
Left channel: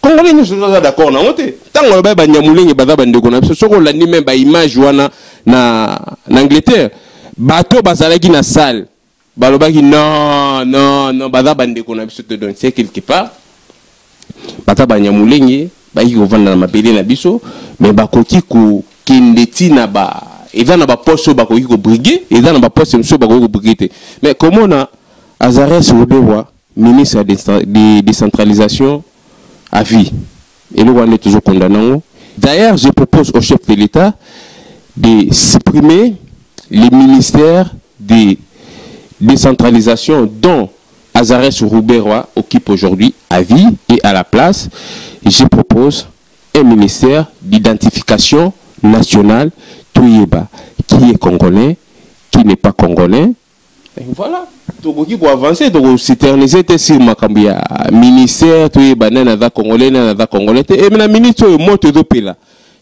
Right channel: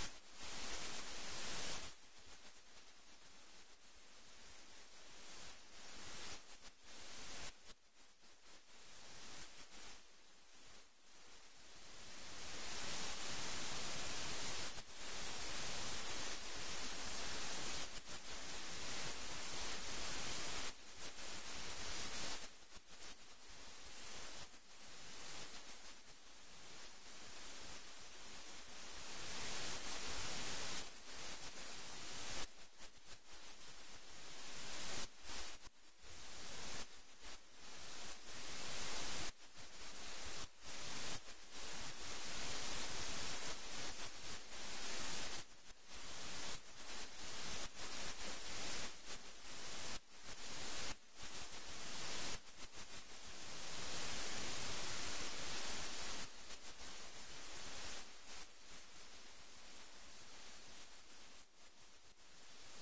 congolais nous sommes d'accord na ngote tango ba banyamulingi baza bandeko na biso soko landi même ba image wana na Angleterre bato bazalaki na salle balobaki non baza bandeko na biso te donc c'est quelque part bata banyamulingi ba yi kovanda na mabele na biso mais bakoki ko kindeti na ba et dans la poste au bakoki ko briguer et dans la poste monsieur bakoki ko briguer mais comment on a Azarès Rubewa ministre de décentralisation à vie et nous on est toujours condamnant. D'ailleurs je propose au chef de l'État de supprimer les ministères de décentralisation dont Azarès Rubewa occupe aujourd'hui à vie et à la place je propose un ministère d'identification nationale Touyeba, qui est congolais, qui n'est pas congolais, Et voilà. Tokoki pour avancer, toko s'éterniser sur makambi ya ministère, to ye banana za congolais na za congolais. Et na ministre moto zo pela.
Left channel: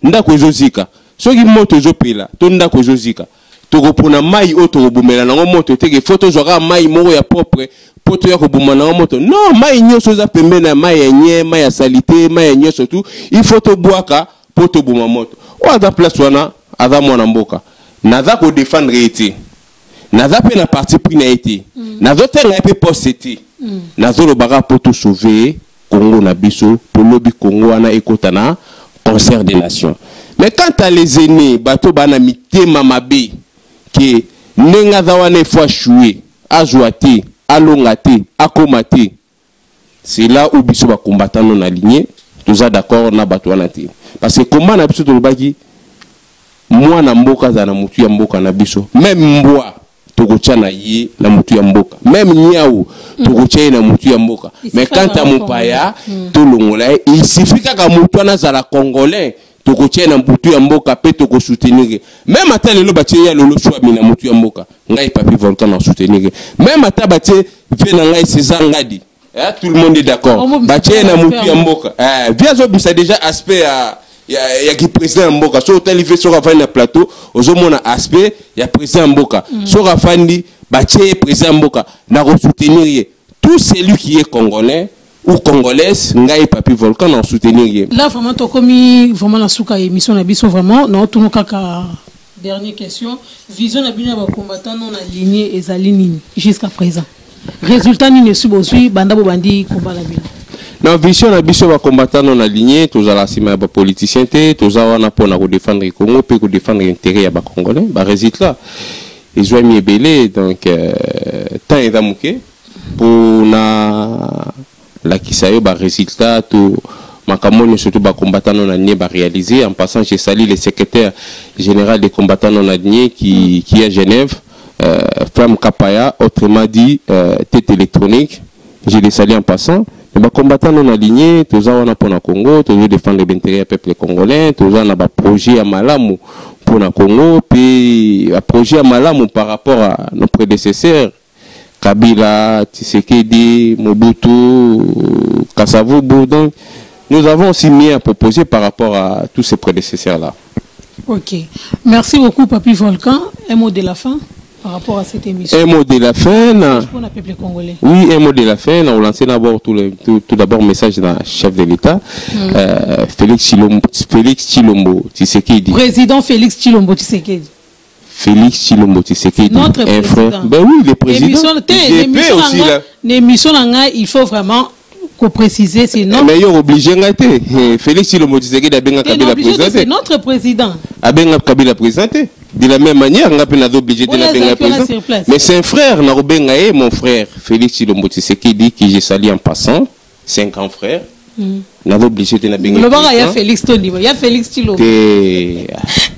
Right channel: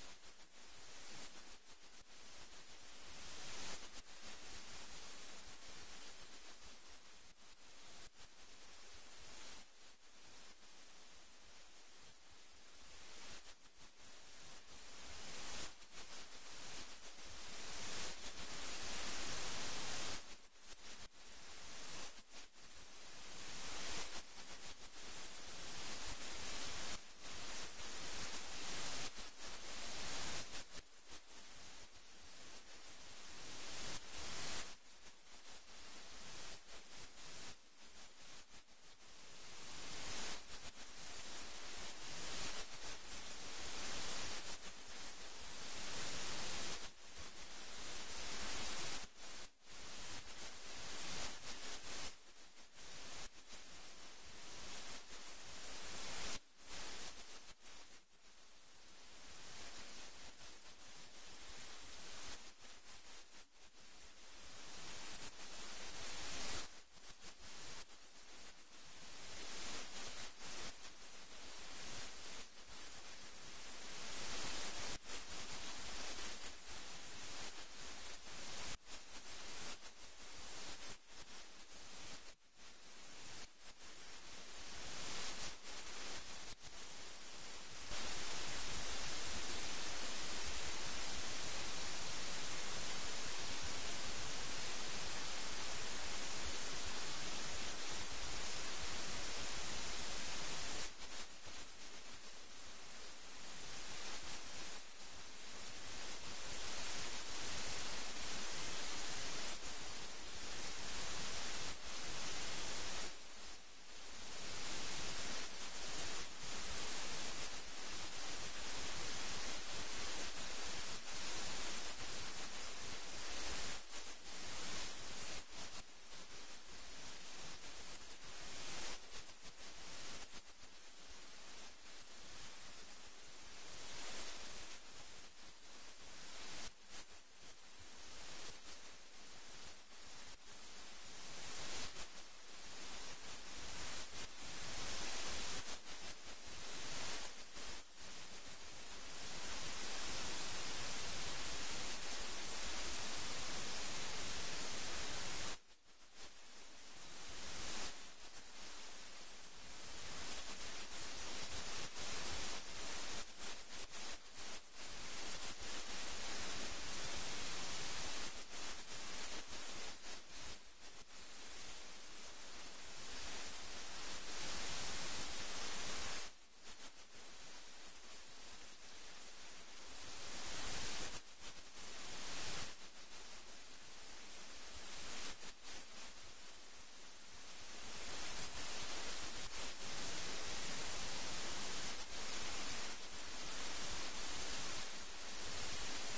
Ndako ezozika. Soki moto zo pela, to ndako ezozika. Toko pona mai o toko bumela na moto teke photo zoka mai moko ya propre poto ya ko bumana na moto. Non, mai nyoso za pembe na mai ya nye, mai ya salité, mai ya nyoso tout. Il faut to boaka poto buma moto. O ada place wana ada mwana mboka. Naza ko défendre ete. Naza pe na parti pris na été. Nazo tenga pe posté. Nazo lo baga poto sauver Congo na biso, pour lobi Congo wana ekota na concert des nations. Mais quant à les aînés, bato bana mité mamabe que nenga za wana fois choué, azouate, alongate, akomate. C'est là où biso ba combattant non aligné, tous d'accord na bato wana te. Parce que comment na biso to lobaki moi na mboka za na mutu ya mboka na biso, même mboa tokotia na ye na mutu ya mboka, même nyao tokotia na mutu ya mboka. Mais quant à mupaya to longola, il suffit ka mutu na za la congolais tokotia na mutu ya mboka pe toko soutenir. Même ata lelo batie ya lolo choix mina mutu ya mboka, ngai papi volcan na soutenir. Même ata batie ve na ngai César Ngadi. Tout le monde est d'accord. Batie na mutu ya mboka. Via zo bisa déjà aspect il y a qui président Mboka so tel fait sur la plateau aux hommes aspect il y a président Mboka sur la fandi bâtir président Mboka na soutenir tout celui qui est congolais ou congolaise ngai papi volcan en soutenir là vraiment to komi vraiment la souka émission na biso vraiment na tout kaka dernière question vision na bino ba combattant non aligné ezali nini jusqu'à présent résultat ni ne subozui banda bo bandi combat la bino. Na vision na biso ba combattant non aligné tous à la cima ba politicien té tous à wana pona ko défendre Congo pe ko défendre intérêt ya ba congolais ba résultat ils ont mis belé donc tant et damuke pour na la kisayo ba résultat tout makamoni surtout ba combattant non aligné ba réaliser. En passant j'ai salué le secrétaire général des combattants non alignés qui est à Genève, Femme Kapaya, autrement dit tête électronique, je les salue en passant. Les combattants non alignés, tous on a pour le Congo, tous défendre l'intérêt du peuple congolais, tous on a un projet à Malamu pour le Congo, puis un projet à Malamu par rapport à nos prédécesseurs, Kabila, Tshisekedi, Mobutu, Kasavubu. Donc, nous avons aussi mis à proposer par rapport à tous ces prédécesseurs-là. Ok. Merci beaucoup, Papi Volcan. Un mot de la fin par rapport à cette émission. Un mot de la fin. Pour le peuple congolais. Oui, un mot de la fin. On a lancé d'abord tout d'abord message d'un chef de l'État, Félix Tshilombo Tshisekedi. Président Félix Tshilombo Tshisekedi. Félix Tshilombo Tshisekedi. Notre président. Ben oui, le président. L'émission, il faut vraiment préciser, sinon. Mais il est obligé d'être. Félix Tshilombo Tshisekedi a bien Kabila présenté. C'est notre président. A bien Kabila présenté. De la même manière, on a bien obligé de la bien présenté. Mais c'est un frère, mon frère, Félix Tshilombo Tshisekedi, qui j'ai salué en passant, 5 ans frère. On a obligé de la bien présenté. Il y a Félix Tony, il y a Félix Tshilombo.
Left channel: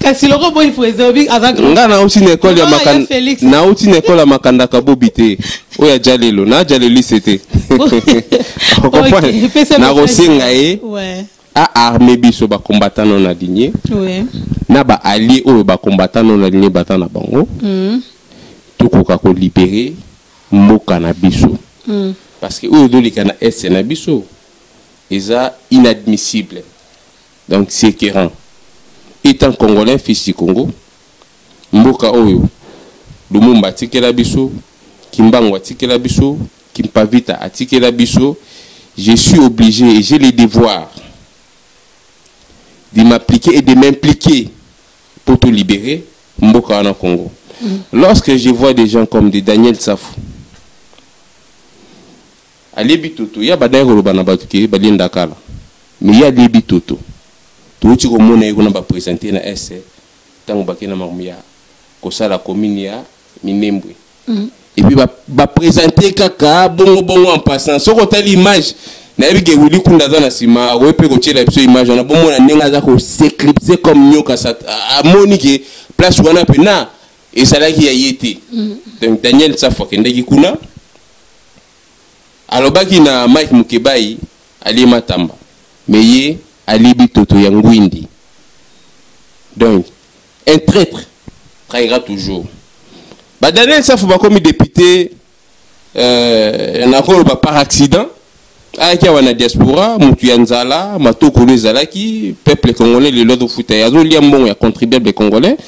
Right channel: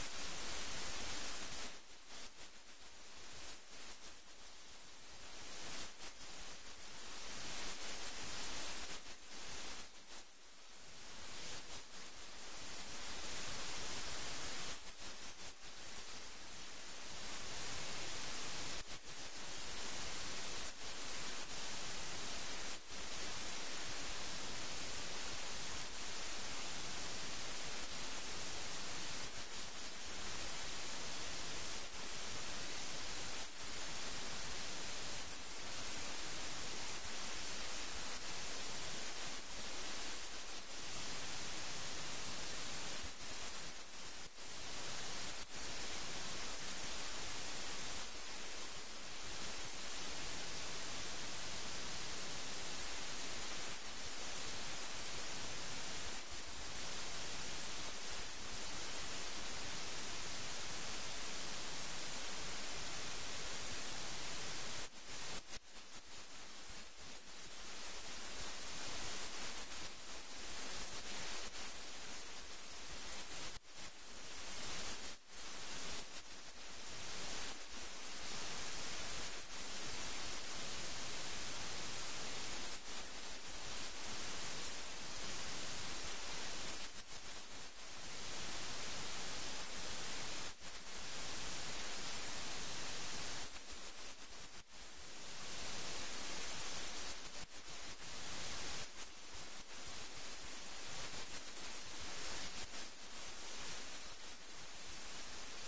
Kasi le robot il faisait avec. On a aussi une école à Makanda. On a aussi une école à Makanda Kabobité. Où il y a Jalelo, na Jaleli c'était. Vous comprenez? Na Rosingaye. Ouais. A armé biso ba combattant non aligné. Ouais. Na ba allié ou ba combattant non aligné battant na bango. Tout ko libérer mboka na biso. Parce que ou doli kana est na biso. Eza inadmissible. Donc c'est écœurant. Étant congolais, fils du Congo, mboka oyo, Lumumba tikela biso, Kimbangu tikela biso, Kimpavita tikela biso, je suis obligé et j'ai le devoir de m'appliquer et de m'impliquer pour te libérer, mboka en Congo. Lorsque je vois des gens comme des Daniel Safou, Ali Bitoto, il y a Badaï Rolobana Batuke, Balin Dakala, mais il y a des Bitoto. Tout ce qu'on a présenté dans l'Est, tant que nous avons la commune, Minembwe. Et puis, va présenter Kaka, bon en passant. Si on a l'image, on a vu que vous avez l'image, on a bon s'éclipser comme nous, à Monique, place où on a pena, et ça là qui a été. Donc, Daniel Safwa, qui est là, alors, il y a Mike Mukebai, Ali Matamba. Mais Alibi Toto Yangwindi. Donc, un traître trahira toujours. Daniel Safou comme député par accident avec la diaspora mutu ya nzala matokolo ezalaki peuple congolais le lot futa yazo liambon ya contribuable congolais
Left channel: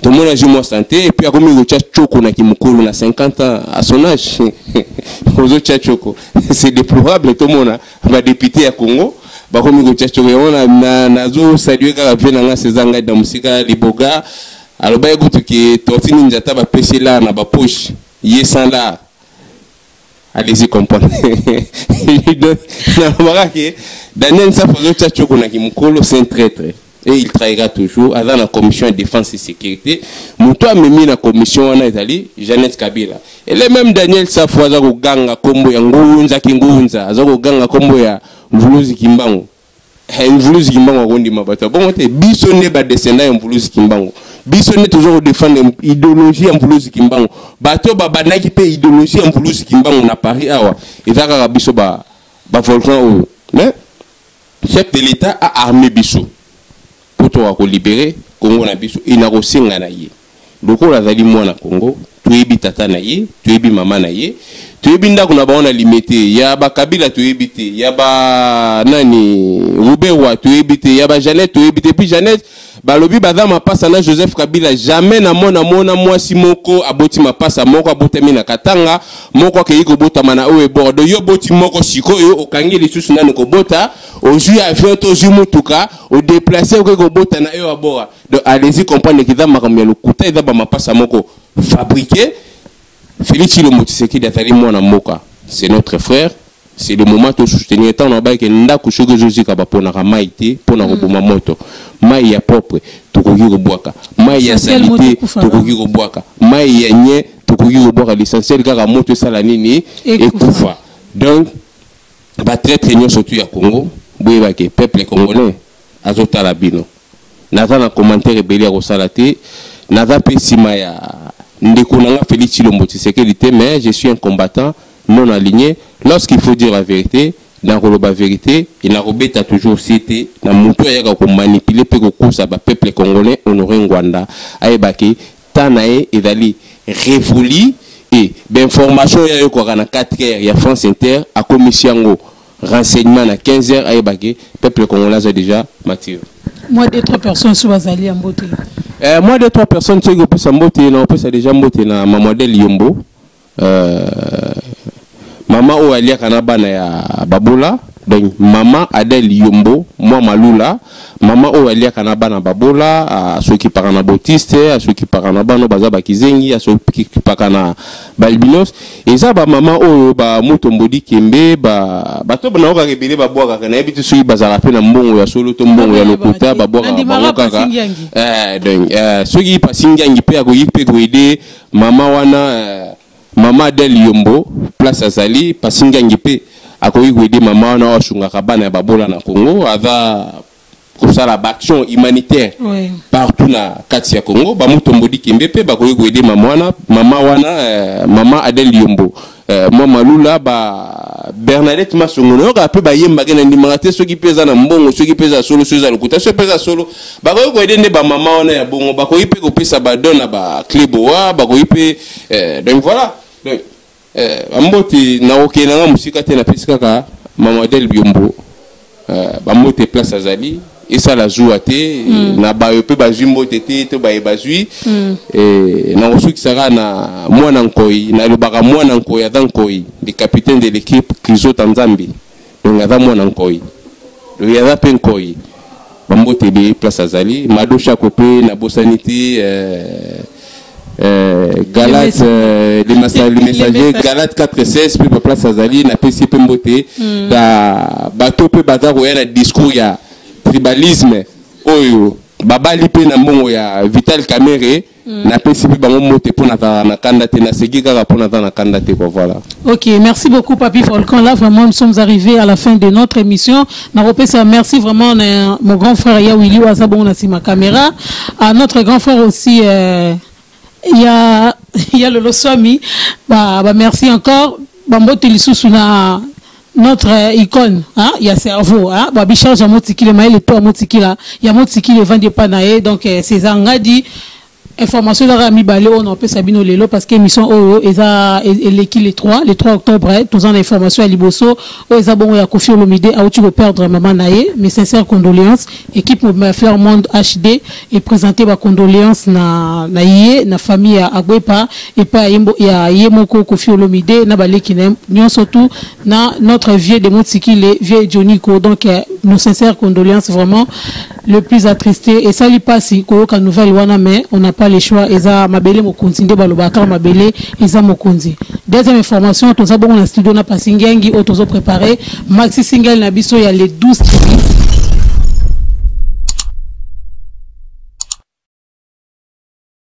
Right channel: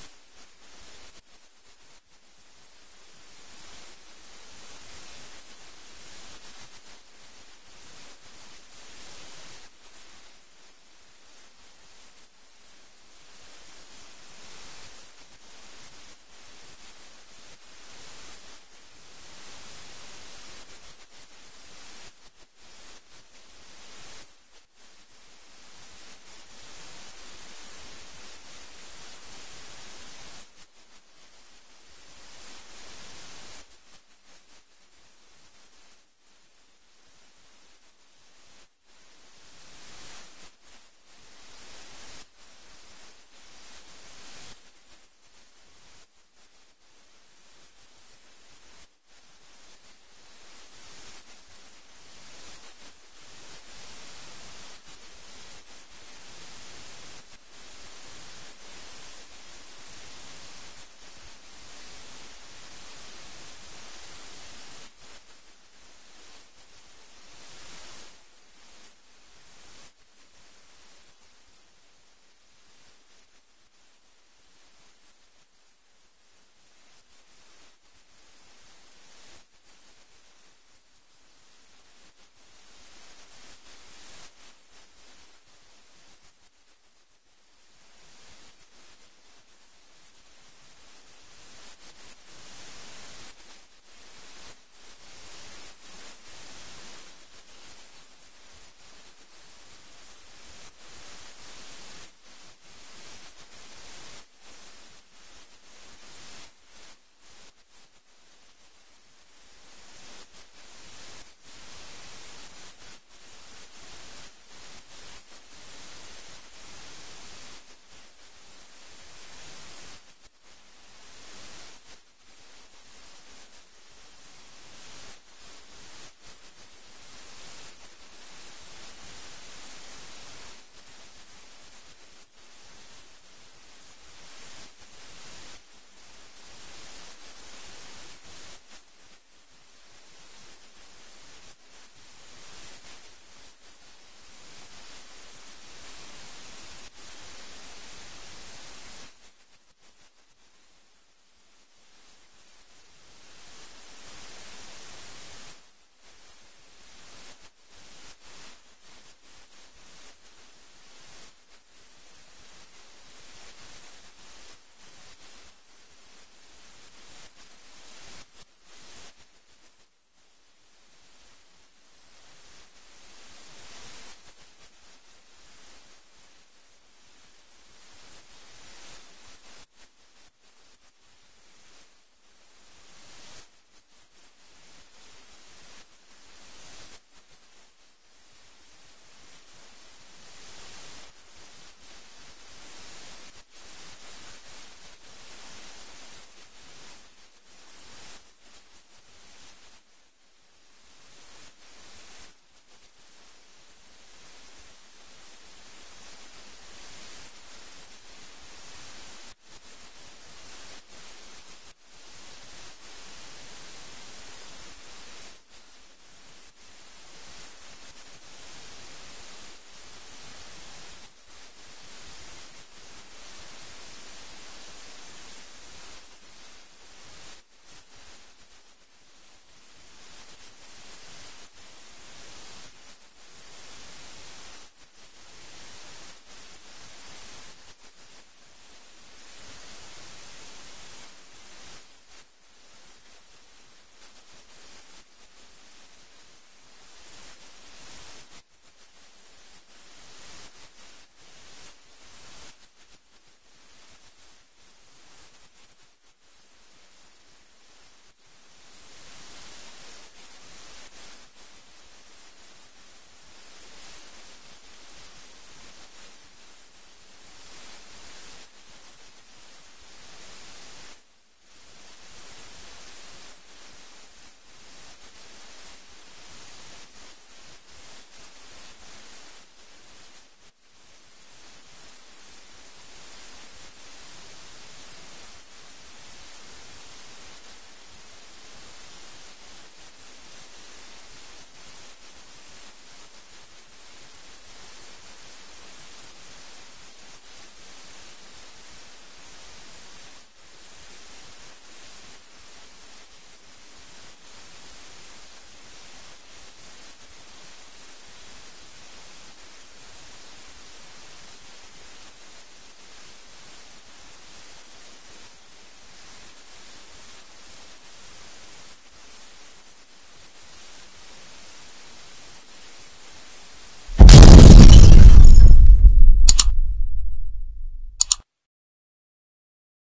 tout le monde a joué santé et puis a commis le tchoko na kimukolo na 50 ans à son âge ozo tchoko c'est déplorable tout le monde va député à Congo ba commis le tchoko on na zo saluer ka vena nga sezanga da musika liboga alors ba écoute que tortini njata ba pesi là na ba poche yesanda. Allez-y comprendre. Daniel Safou c'est un traître. Et il trahira toujours. Dans la commission de défense et sécurité, Moutoua me mis la commission en Italie, Jeannette Kabila. Et le même Daniel Safou a ganga kombo ya ngunza kingunza, a ganga kombo ya mvuluzi kimbango. Mvuluzi kimbango gondi mabata. Bon, biso ne ba descendant mvuluzi kimbango. Biso ne toujours défendre idéologie en mvuluzi kimbango. Bato ba banaki pe idéologie en mvuluzi kimbango na Paris awa. Ezaka biso ba volcan. Mais chef de l'État a armé biso. Pour te libérer Congo na biso ina ko senga na ye loko la zali mwana Congo tuyebi tata na ye tuyebi mama na ye tuyebi ndako na baona limité ya ba Kabila tuyebi te ya ba nani Rubewa tuyebi te ya ba Jeannette tuyebi te puis Jeannette balobi badama pasa na Joseph Kabila jamais na mona mwasi moko aboti mapasa moko abotami na Katanga moko ke yiko bota mana o e bordo yo boti moko siko yo okangi lisusu nanu ko bota ozui avion to zu mutuka o déplacer ko bota na yo abora donc allez-y comprendre que dans makamya lokuta eza ba mapasa moko fabriqué Félix Tshilombo Tshisekedi atali mwana mboka c'est notre frère. C'est le moment de soutenir tant on a que ndako shoko jozika ba pona maite pona roboma moto mai ya propre tokoki ko boaka mai ya salité tokoki ko boaka mai ya nye tokoki ko boaka l'essentiel kaka moto sala nini ekufa donc ba très très nyo surtout ya Congo boye ba ke peuple congolais azota la bino naza na commentaire ebeli ko salate naza pe sima ya ndeko nanga Félix Tshilombo Tshisekedi te mais je suis un combattant non aligné. Lorsqu'il faut dire la vérité, dans la vérité, il a toujours cité, dans mon tour, il a manipulé pour que peuple congolais honoré Ngwanda, Aïbaki, Tanae, et Dali, révolu, et d'information, il y a eu 4 heures, il y a France Inter, à commission renseignement à 15 heures, Aïbaki, peuple congolais a déjà mature. Moi, 2-3 personnes sur Azali en beauté. Moi, 2-3 personnes sur Azali en beauté, c'est déjà beauté, dans ma modèle Yombo. Maman ou alia kanabana ya babola donc maman Adel Yombo moi malula maman ou alia kanabana babola ceux qui parlent na Bautiste à ceux qui parlent na bano baza bakizengi à ceux qui parlent na balbinos et ça ba maman ou ba mutombodi kembe ba to na oka rebele ba boaka kana ebitu sui bazala pe na mbongo ya solo to mbongo ya lokuta ba boaka kaka donc ceux qui pasingangi pe akoyi pe ko aider maman wana Maman Adel Yombo, place Azali, Pasingangi pe, akoyi aider maman wana washunga kabana ya babola na Congo, ava kosala action humanitaire partout na kati ya Congo, ba mutombodi kimbe pe bakoyi aider maman wana, maman Adel Yombo. Moi malula ba Bernadette Masongono ka pe ba yemba ke na ndimanga te soki peza na mbongo soki peza solo soki za lokuta soki peza solo bakoyi ko aider ne ba maman wana ya bongo bakoyi pe ko pesa ba dona ba kleboa bakoyi pe donc voilà. Donc, Amboti na oké na musika te na pesika ka Maman Adel Yombo Bambote place Azali et ça la joue te na ba pe ba jimbo tete to ba ebazui et na osuki sara na mwana nkoi na lobaka mwana nkoi azankoi le capitaine de l'équipe Krizo Tanzambi donc aza mwana nkoi le yaza pe nkoi Bambote be place Azali madosha kopé na bosanité Galate les messagers Galate 4-16 puis place Azali na PCP Mbote da bato pe bazaro ya na discours ya tribalisme oyo babali pe na mbongo ya Vital Kamerhe na PCP bango Mbote pour na candidater na segi kaka pour na candidater quoi voilà. OK, merci beaucoup Papi Volcan. Là vraiment nous sommes arrivés à la fin de notre émission. Na repesa merci vraiment mon grand frère Yawili Wazabon na sima caméra, à notre grand frère aussi il y a le Loswami, merci encore. Bambote lisusu na notre icône, hein, il y a cerveau, hein, Bichard Jamotiki le maïle to Motiki là, il y a Motiki le vent de Panaé, donc c'est Zangadi information là mi balé on a Sabino lelo parce que mission oh eza l'équipe les 3 octobre tous en information à Liboso oh eza bon ya Koffi Olomide a tu perdre maman naé mes sincères condoléances équipe Faire Monde HD et présenter ma condoléances na famille à Agwepa et pas ya Yemoko Koffi Olomide na balé qui n'aime nous surtout na notre vieux de Motsiki les vieux Johnny Ko donc nos sincères condoléances vraiment le plus attristé et ça lui passe ko ka nouvelle wana mais on n'a pas les choix eza mabele mokonzi nde balobaka mabele eza mokonzi. Deuxième information to ça bon na studio na pasingengi auto préparé maxi single na biso ya les 12